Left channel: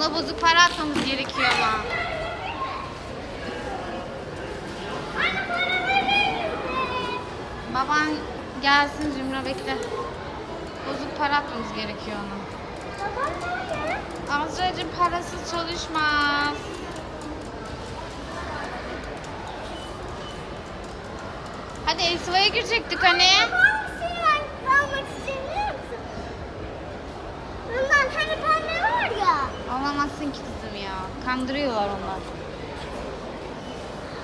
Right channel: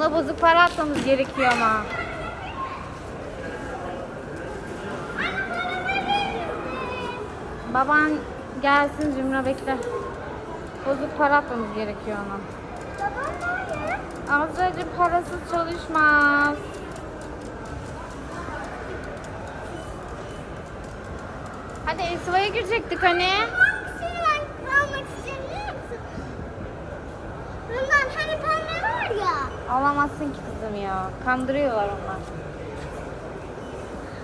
Ona bozuk para atmamız gerekiyor ama. Baban gelsin Zümra bekle. Bozuk para atmamız gerekiyor ona. Azra'cığım parasız çalışmaz. Hadi Esva'ya girecektik hani. almak istiyorum biliyor musun? Bundan hani pembe var ya. Alamazsın ki kızım ya. Kandırıyorlar onlar.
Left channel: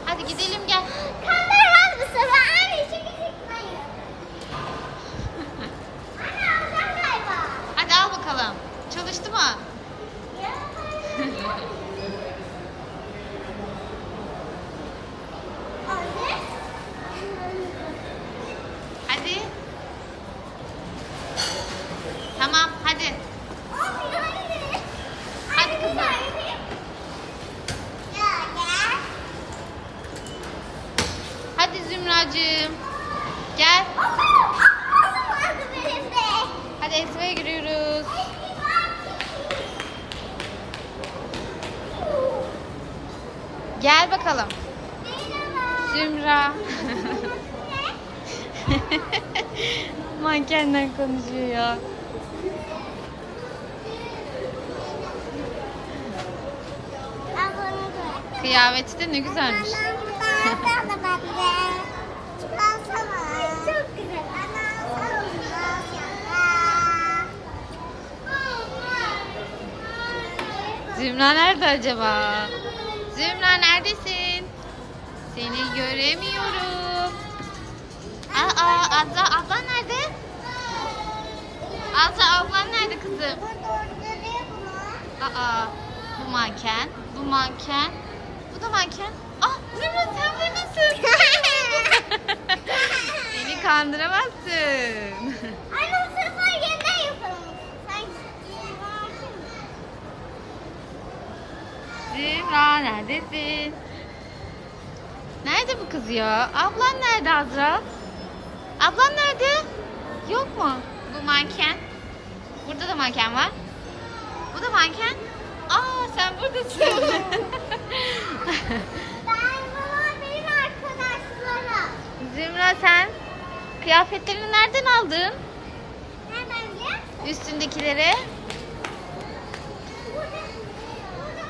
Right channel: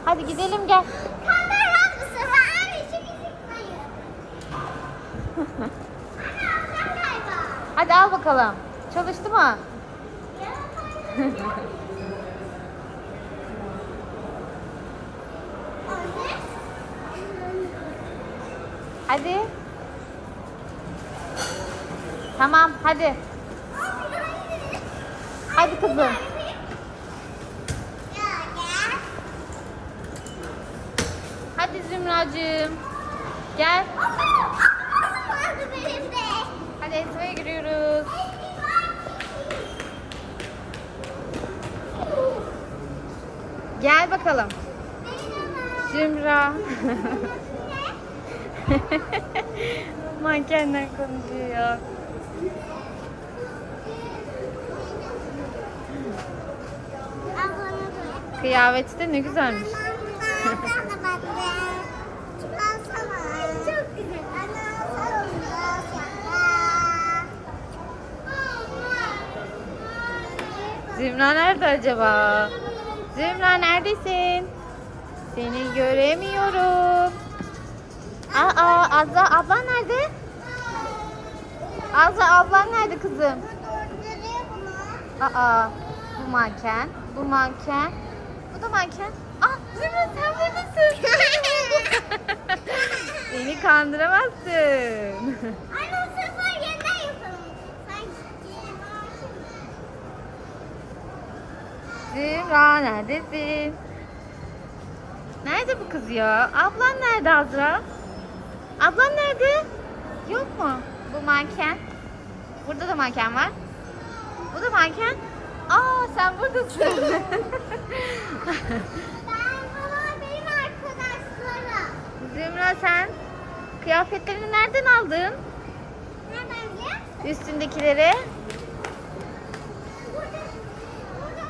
Hadi gidelim gel. Kandırmaz bu sefer. Anne çekecek hayır. Anne alacağım galiba. Hadi al bakalım. Çalıştı mı? Hadi. Tamam hadi. Hadi kızım. Hadi Zümracığım. Gel. Hadi Esva'ya giriyoruz. Gel bakalım. Zümra. Mankenler konuşuyor ya. Kıyafeti de ne güzelmiş. Zümra nerede acaba? Zümra neredesin? Seni göremiyorum. Aa Azra ablan nerede? Azra ablan nerede kızım? Aa bu manken, bu manken, bu da manken. Ah Zümra sen buradasın. Beni kandıramazsın. Anne bu sefer yeniden yapalım. Zümra neredesin? Nerede bu kız ya? Ablan nerede Azra? Ablan nerede? Yok mu? Bu manken. Burada da manken var. Bu da manken. Aa sen buradasın. Ben bunlar benim arkadaşlarım. Zümra sen kıyafetlerini nereden aldın? Nereden biliyor musun? Üstündekileri. Burada, burada,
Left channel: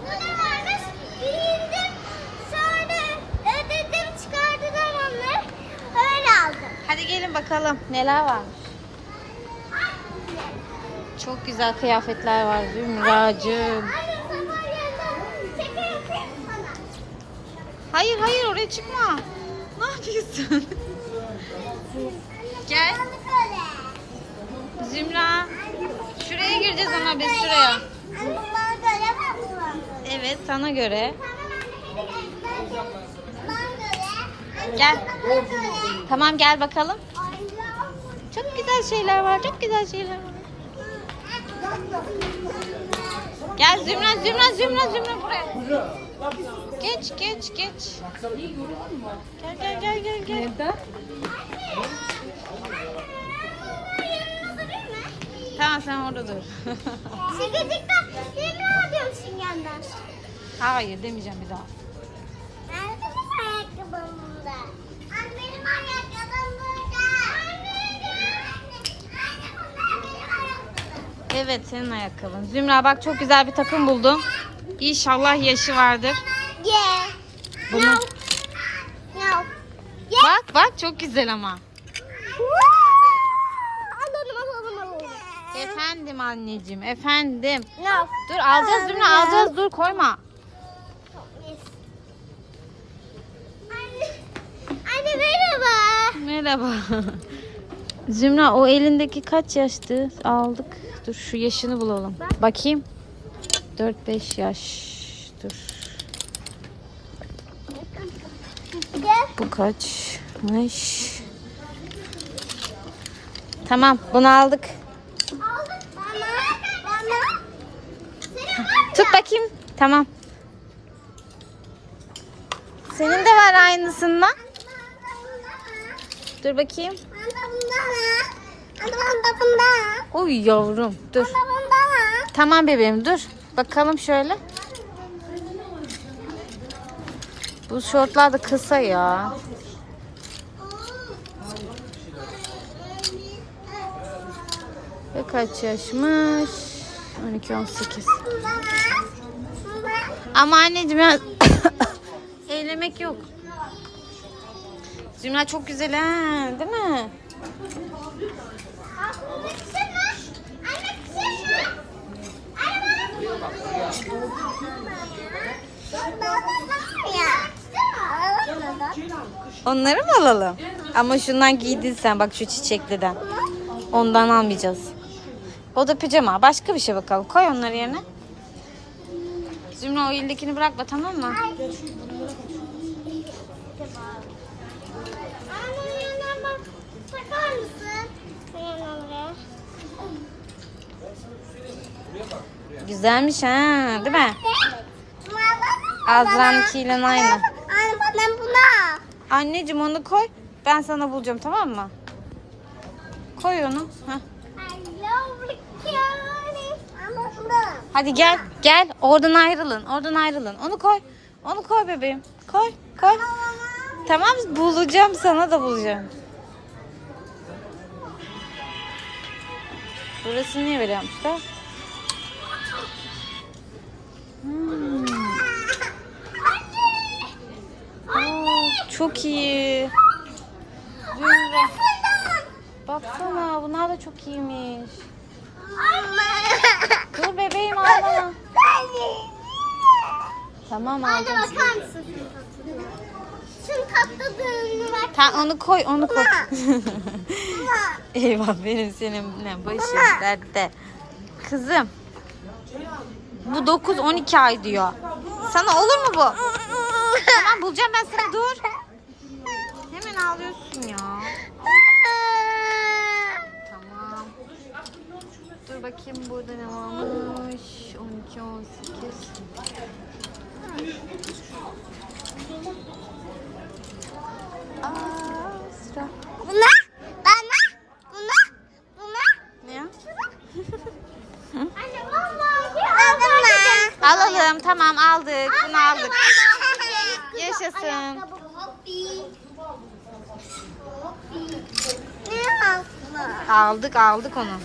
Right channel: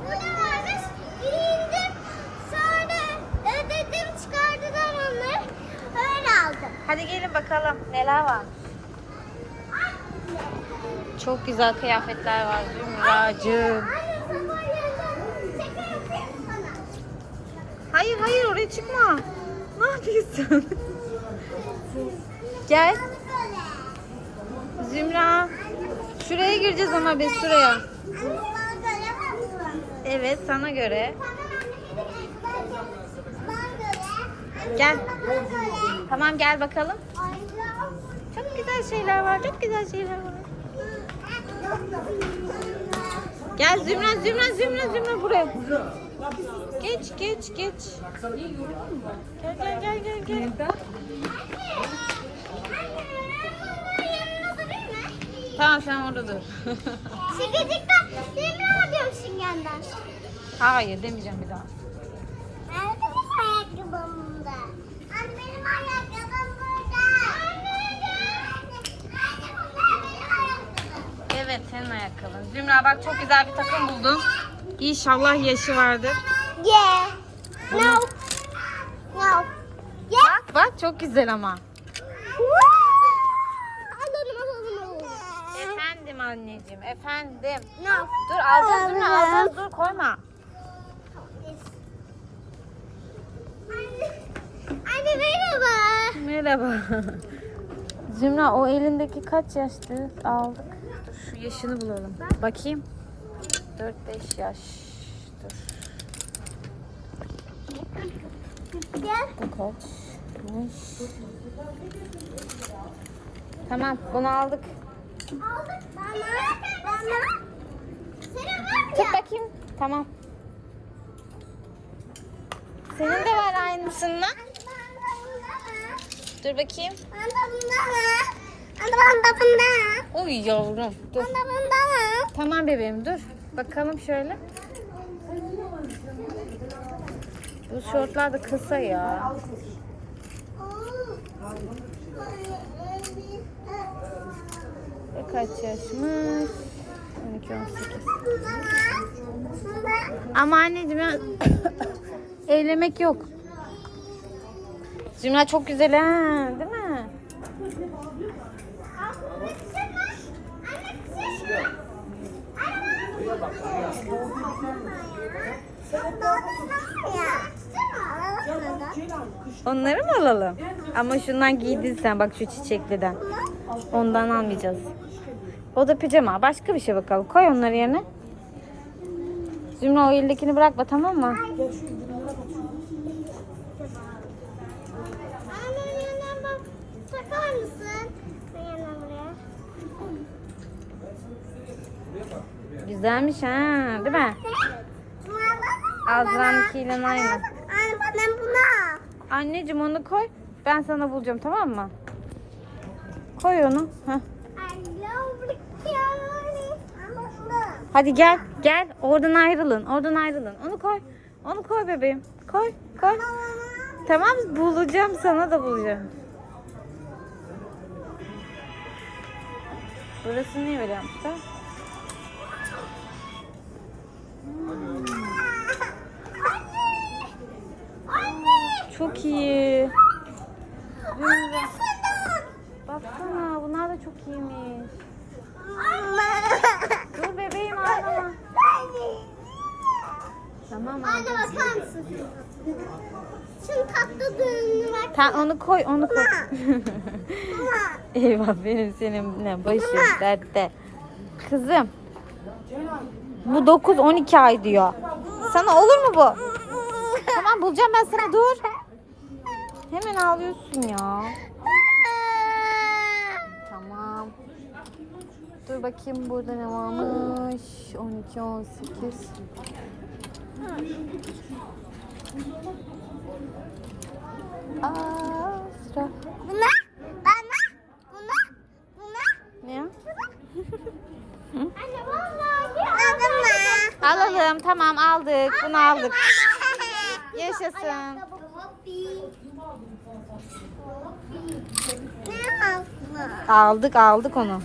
burada varmış. Giyindim. Sonra ödedim çıkardılar onları. Öyle aldım. Hadi gelin bakalım neler var. Çok güzel kıyafetler var Zümracığım. Hayır hayır oraya çıkma. Ne yapıyorsun? Gel. Zümra. Şuraya gireceğiz ama biz şuraya. Evet sana göre. Gel. Tamam gel bakalım. Çok güzel şeyler var. Çok güzel şeyler var. Gel Zümra Zümra Zümra Zümra buraya. Geç geç geç. Gel gel gel gel gel. Tamam sen orada dur. Sıkıcıkta seni arıyorum süngerden. Hayır demeyeceğim bir daha. Nerede benim ayakkabım burada? Anne benim ayakkabım burada. Anne bunlar benim ayakkabım. Evet senin ayakkabın. Zümra bak çok güzel bir takım buldum. İnşallah yaşı vardır. Yeah. Bunu No. bak bak çok güzel ama. Efendim anneciğim efendim. No. Dur alacağız Zümra alacağız dur koyma. Anne, anne merhaba. Merhaba. Zümra o elindeki kaç yaştı? Aldık. Dur şu yaşını bulalım. Bakayım. 4-5 yaş. Dur. Bu kaçmış? Tamam bunu aldık. Aldık. Bana. Bana. Tut bakayım. Tamam. Senin de var aynısından. Dur bakayım. Bana bundan. Bana bunda bunda. Oy yavrum dur. Bana bunda. Tamam bebeğim dur. Bakalım şöyle. Bu şortlar da kısa ya. Ve kaç yaşmış? 12-18. Ama anneciğim ya eğlemek yok. Zümra çok güzel ha, değil mi? Onları mı alalım? Ama şundan giydin sen bak şu çiçekliden. Ondan almayacağız. O da pijama. Başka bir şey bakalım. Koy onları yerine. Zümra o eldekini bırakma tamam mı? Bakar mısın? Güzelmiş ha, değil mi? Azra'nınkiyle aynı. Anne bana buna. Anneciğim onu koy. Ben sana bulacağım tamam mı? Koy onu. Heh. Hadi gel, gel. Oradan ayrılın, oradan ayrılın. Onu koy. Onu koy bebeğim. Koy, koy. Tamam bulacağım sana da bulacağım. Burası niye böyle yapmışlar? Çok iyi. Zümra. Baksana bunlar da çok iyiymiş. Dur bebeğim ağlama. Tamam Anne aldım. bakar mısın? Şunun tatlılığını bak. Sen onu koy, onu koy. Eyvah benim seninle başım dertte. Kızım. Bu 9-12 ay diyor. Sana olur mu bu? Tamam bulacağım ben sana dur. Hemen ağlıyorsun ya. Tamam. Dur bakayım burada ne varmış. 12 18. Asra. Buna. Bana. Buna. Buna. Ne ya? Anne vallahi. Aldım mı? Alalım tamam aldık. Bunu aldık. Yaşasın. Aldık aldık onu.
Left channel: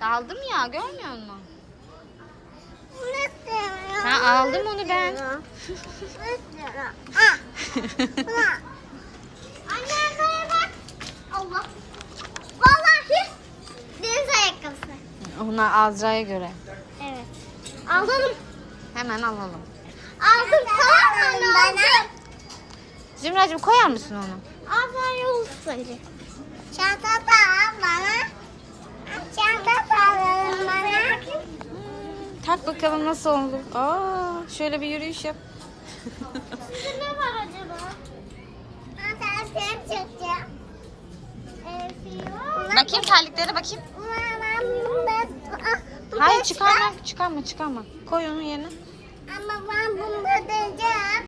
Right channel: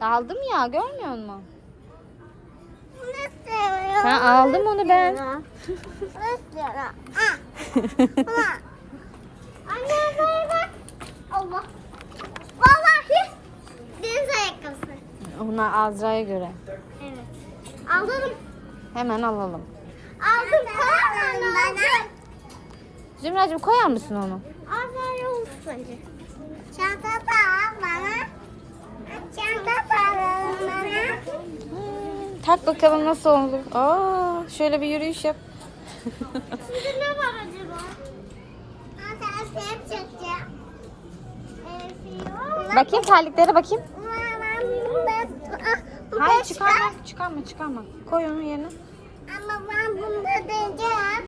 Aldım ya görmüyor musun? Sen aldım onu ben. Ah. Allah. Vallahi deniz ayakkabısı. Ona Azra'ya göre. Aldım. Hemen alalım. Aldım tamam bana. Zümracığım koyar mısın onu? Aferin olsun. Çanta da al bana. Çanta da al bana. Hmm, tak bakalım nasıl oldu. Aa, şöyle bir yürüyüş yap. Sizde ne var acaba? Ben çekeceğim. bakayım terliklere bakayım. Ben, Hayır çıkarma çıkarma çıkarma. Koy onu yerine. Ama ben bunu deneyeceğim.